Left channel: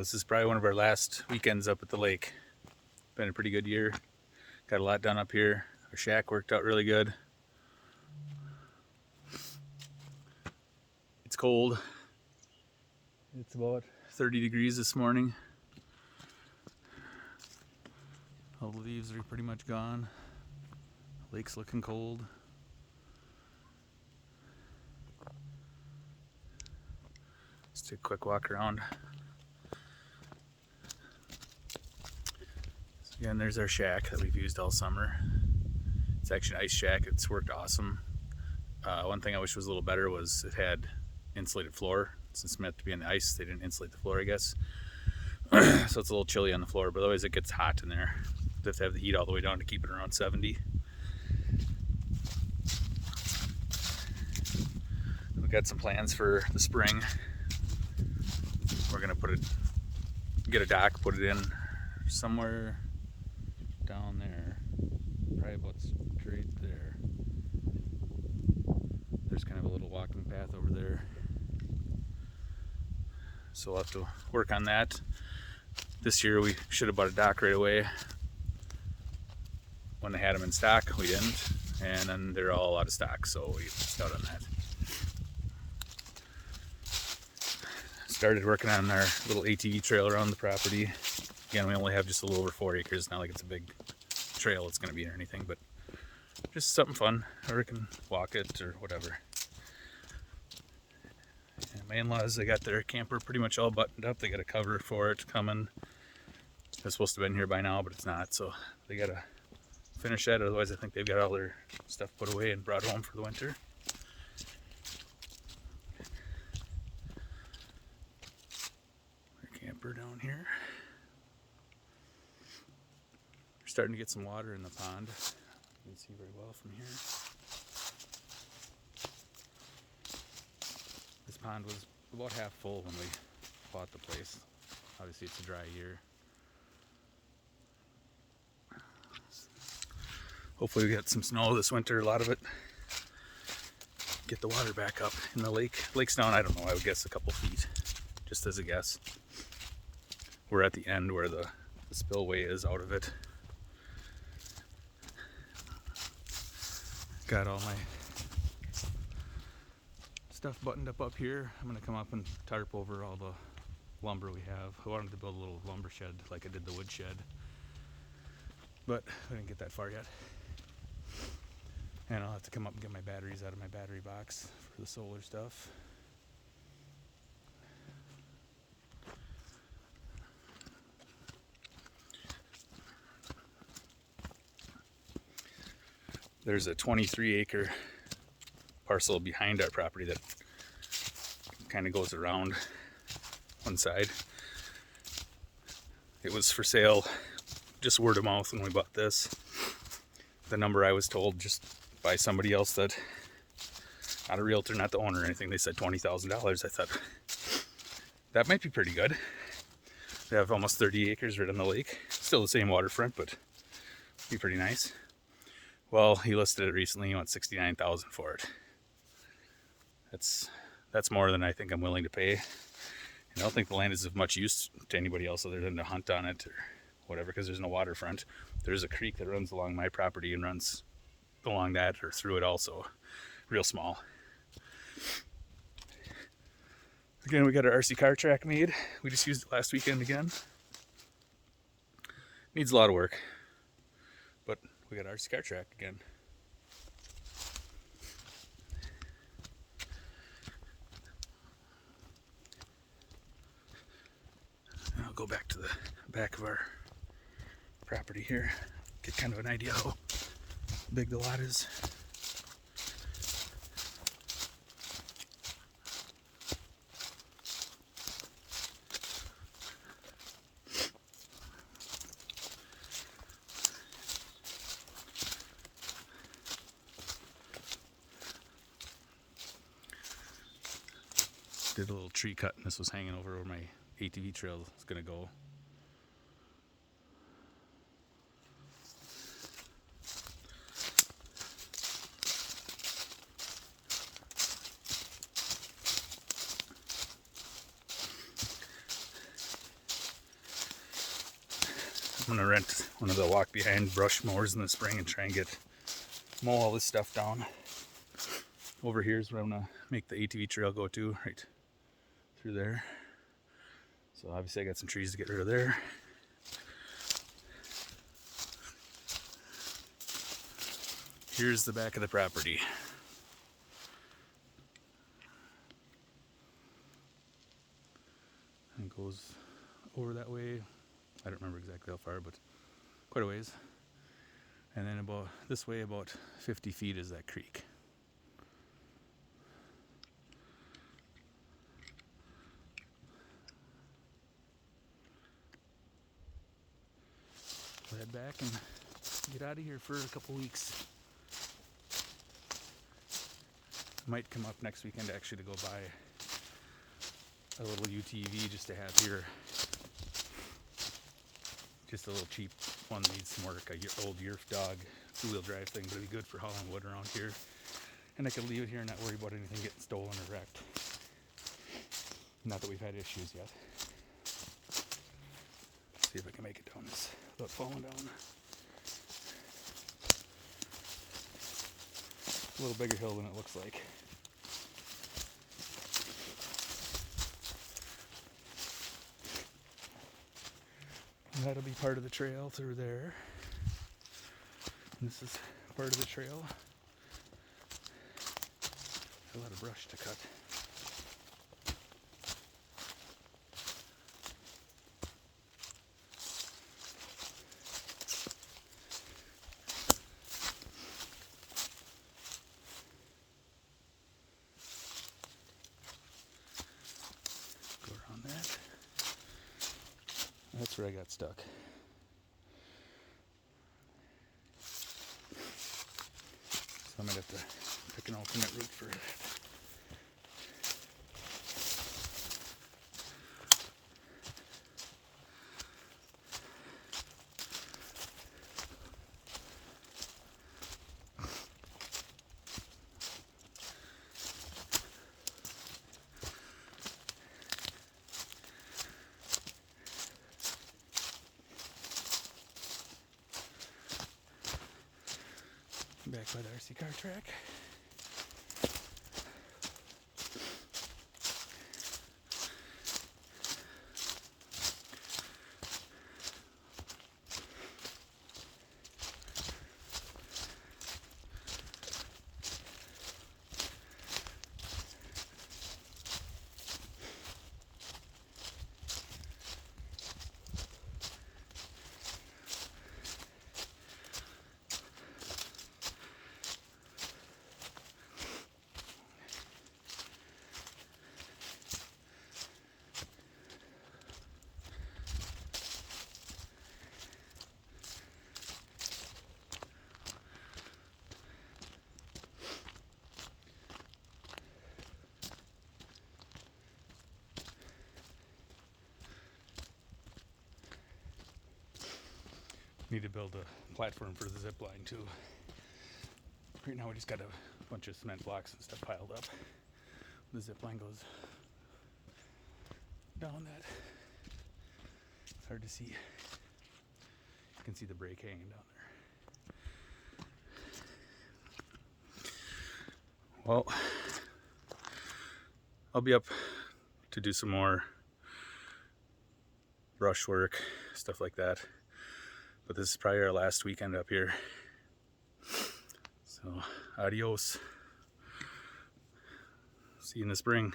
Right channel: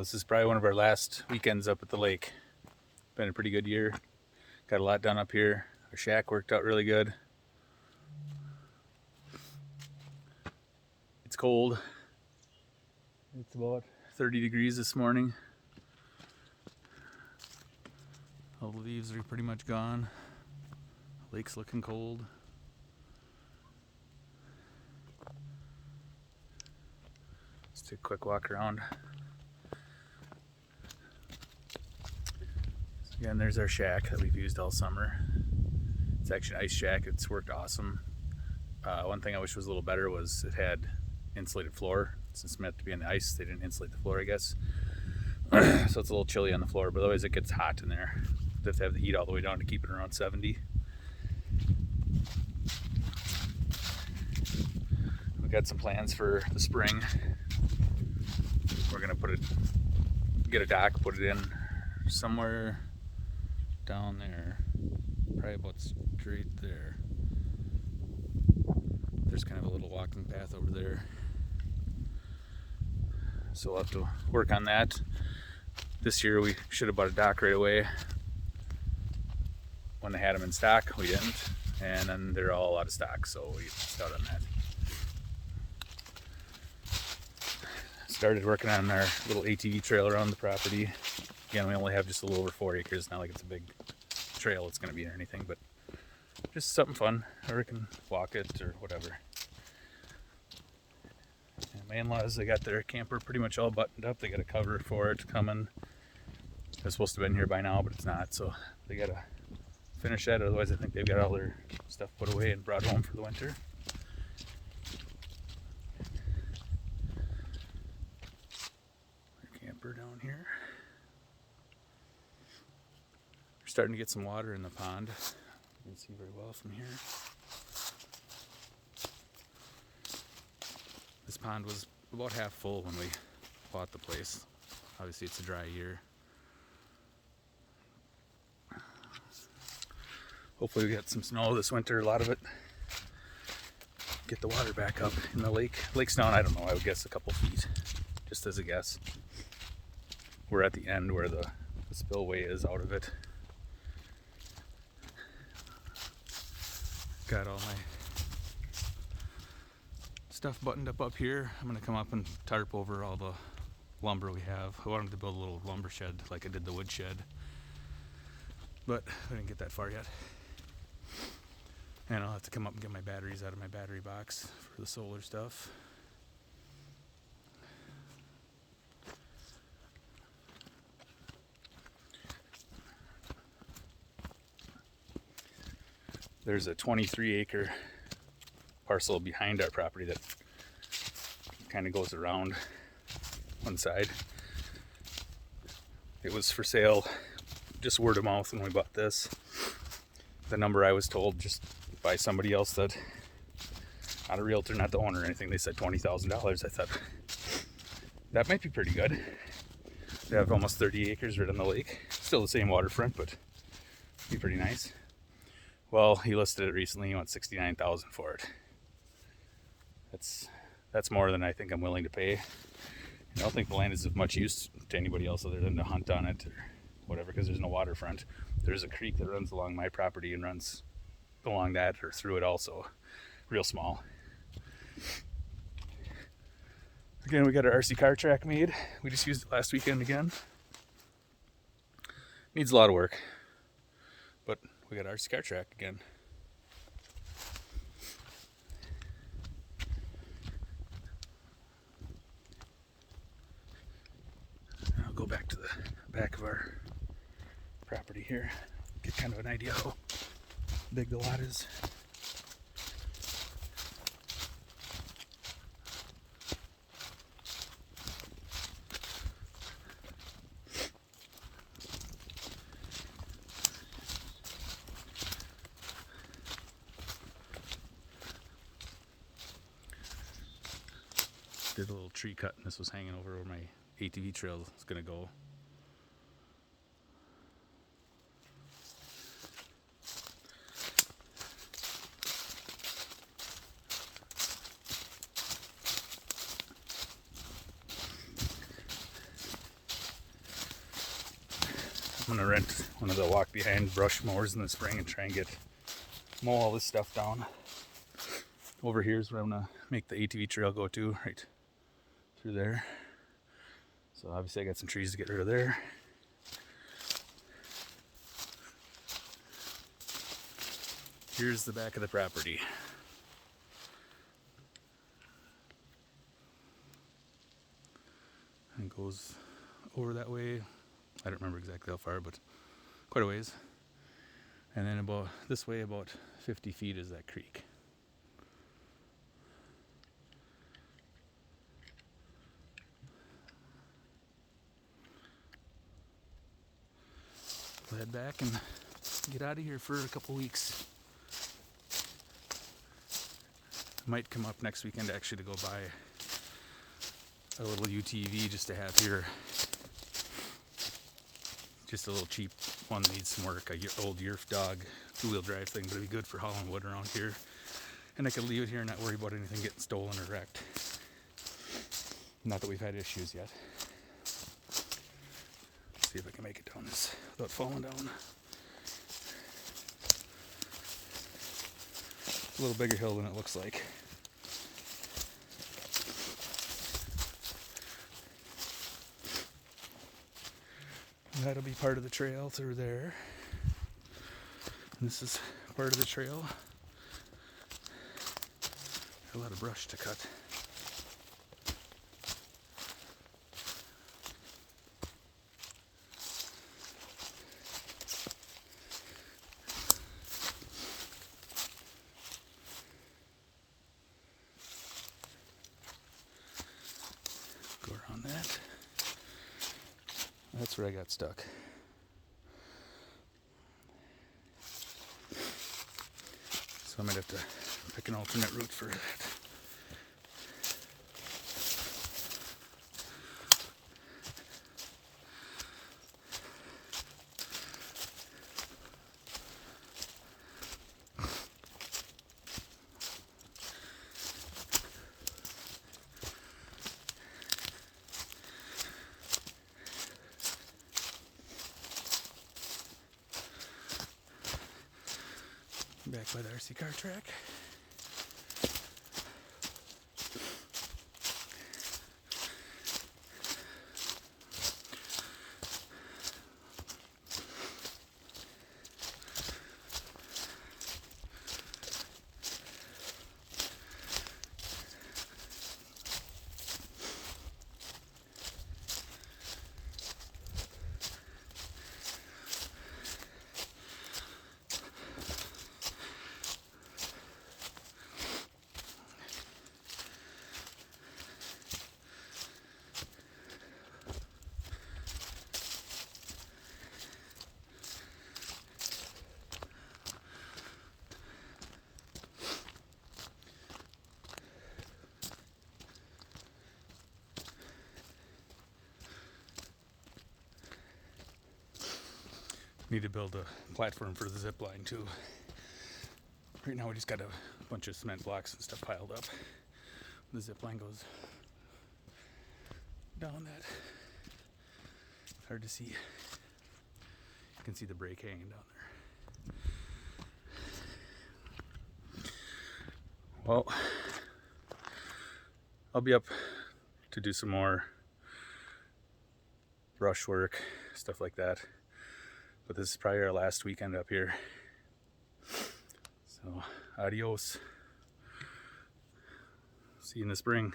This is probably one of our last weekends up at the lake. Been a pretty good year. Got a lot done up here. Our shack worked out really good. It's cold. It's about 30 degrees this morning. All the leaves are pretty much gone. Lake's looking cold. Let's take a quick walk around. Again, there's our shack that we've used all summer. It's actually an ice shack. It's worked awesome. One thing I wish was a little better was it had insulated floor. Since it's meant to be on the ice, they didn't insulate the floor, I guess. So it's a little chilly on the floor, but otherwise it gets hot in there. You have to have the heat all the way down to keep it around 70. We've got some plans for the spring. We're gonna get a dock, put it in somewhere down there, probably about straight there. There's kind of a little walking path over there. So we'll have to work on that. This year we should have bought a dock right away. When they had them in stock, we didn't. And then they're all out of stock, so we missed out on that. Started working on our little ATV trail around the property. Again, we only have just a little over 4 acres. Not like it's a big trail it's going to be or anything, but just something fun. Or we can walk it or whatever. And my in-laws, they got their camper pretty much all buttoned up. They got a cover for it coming. They're supposed to have been here by now, but it's not. So they got to finish that. Otherwise, I think they've got all their stuff put away and brought home for the winter. Camper down here. Starting to get some water in the pond. You can see very well from here. This pond was about half full when we bought the place. Obviously it's a dry year. Hopefully we get some snow this winter, a lot of it. Get the water back up in the lake. Lake's down, I don't know, I would guess a couple feet, just as a guess. We're at the end where the spillway is out of it. Got all my stuff buttoned up here. I'm gonna come up and tarp over all the lumber we have. I wanted to build a little lumber shed like I did the wood shed, but I didn't get that far yet. And I'll have to come up and get my batteries out of my battery box for the solar stuff. There's a 23-acre parcel behind our property that kind of goes around one side. It was for sale, just word of mouth when we bought this. The number I was told just by somebody else, that not a realtor, not the owner or anything, they said $20,000. I thought that might be pretty good. They have almost 30 acres right on the lake. Still the same waterfront, but be pretty nice. Well, he listed it recently. He wants $69,000 for it. That's more than I think I'm willing to pay. I don't think the land is of much use to anybody else other than to hunt on it or whatever, because there's no waterfront. There's a creek that runs along my property and runs along that or through it also. Real small. Again, we got our RC car track made. We just used it last weekend again. Needs a lot of work, but we got our RC car track again. I'll go back to the back of our property here, get kind of an idea how big the lot is. Did a little tree cut, and this was hanging over where my ATV trail is going to go. I'm gonna rent one of the walk behind brush mowers in the spring and try and mow all this stuff down. Over here is where I'm gonna make the ATV trail go to, right through there. So obviously I got some trees to get rid of there. Here's the back of the property. And it goes over that way. I don't remember exactly how far, but quite a ways. And then about this way, about 50 feet is that creek. We'll head back and get out of here for a couple weeks. Might come up next weekend actually to go buy a little UTV just to have here. Just a little cheap one that needs some work. A old Yerf dog 2-wheel drive thing, but it'd be good for hauling wood around here. And I could leave it here and not worry about anything getting stolen or wrecked. Not that we've had issues yet. Let's see if I can make it down this without falling down. It's a little bigger hill than it looks like. And that'll be part of the trail through there. And this is part of the trail. A lot of brush to cut. Go around that. That's where I got stuck. So I might have to pick an alternate route for that. Back by the RC car track. Need to build a platform for the zip line too. Right now we just got a bunch of cement blocks and stuff piled up. The zip line goes down that. Hard to see. You can see the brake hanging down there. Well, I'll be up to do some more brush work, stuff like that. But this is probably our last weekend up here. So, adios. See you in the spring.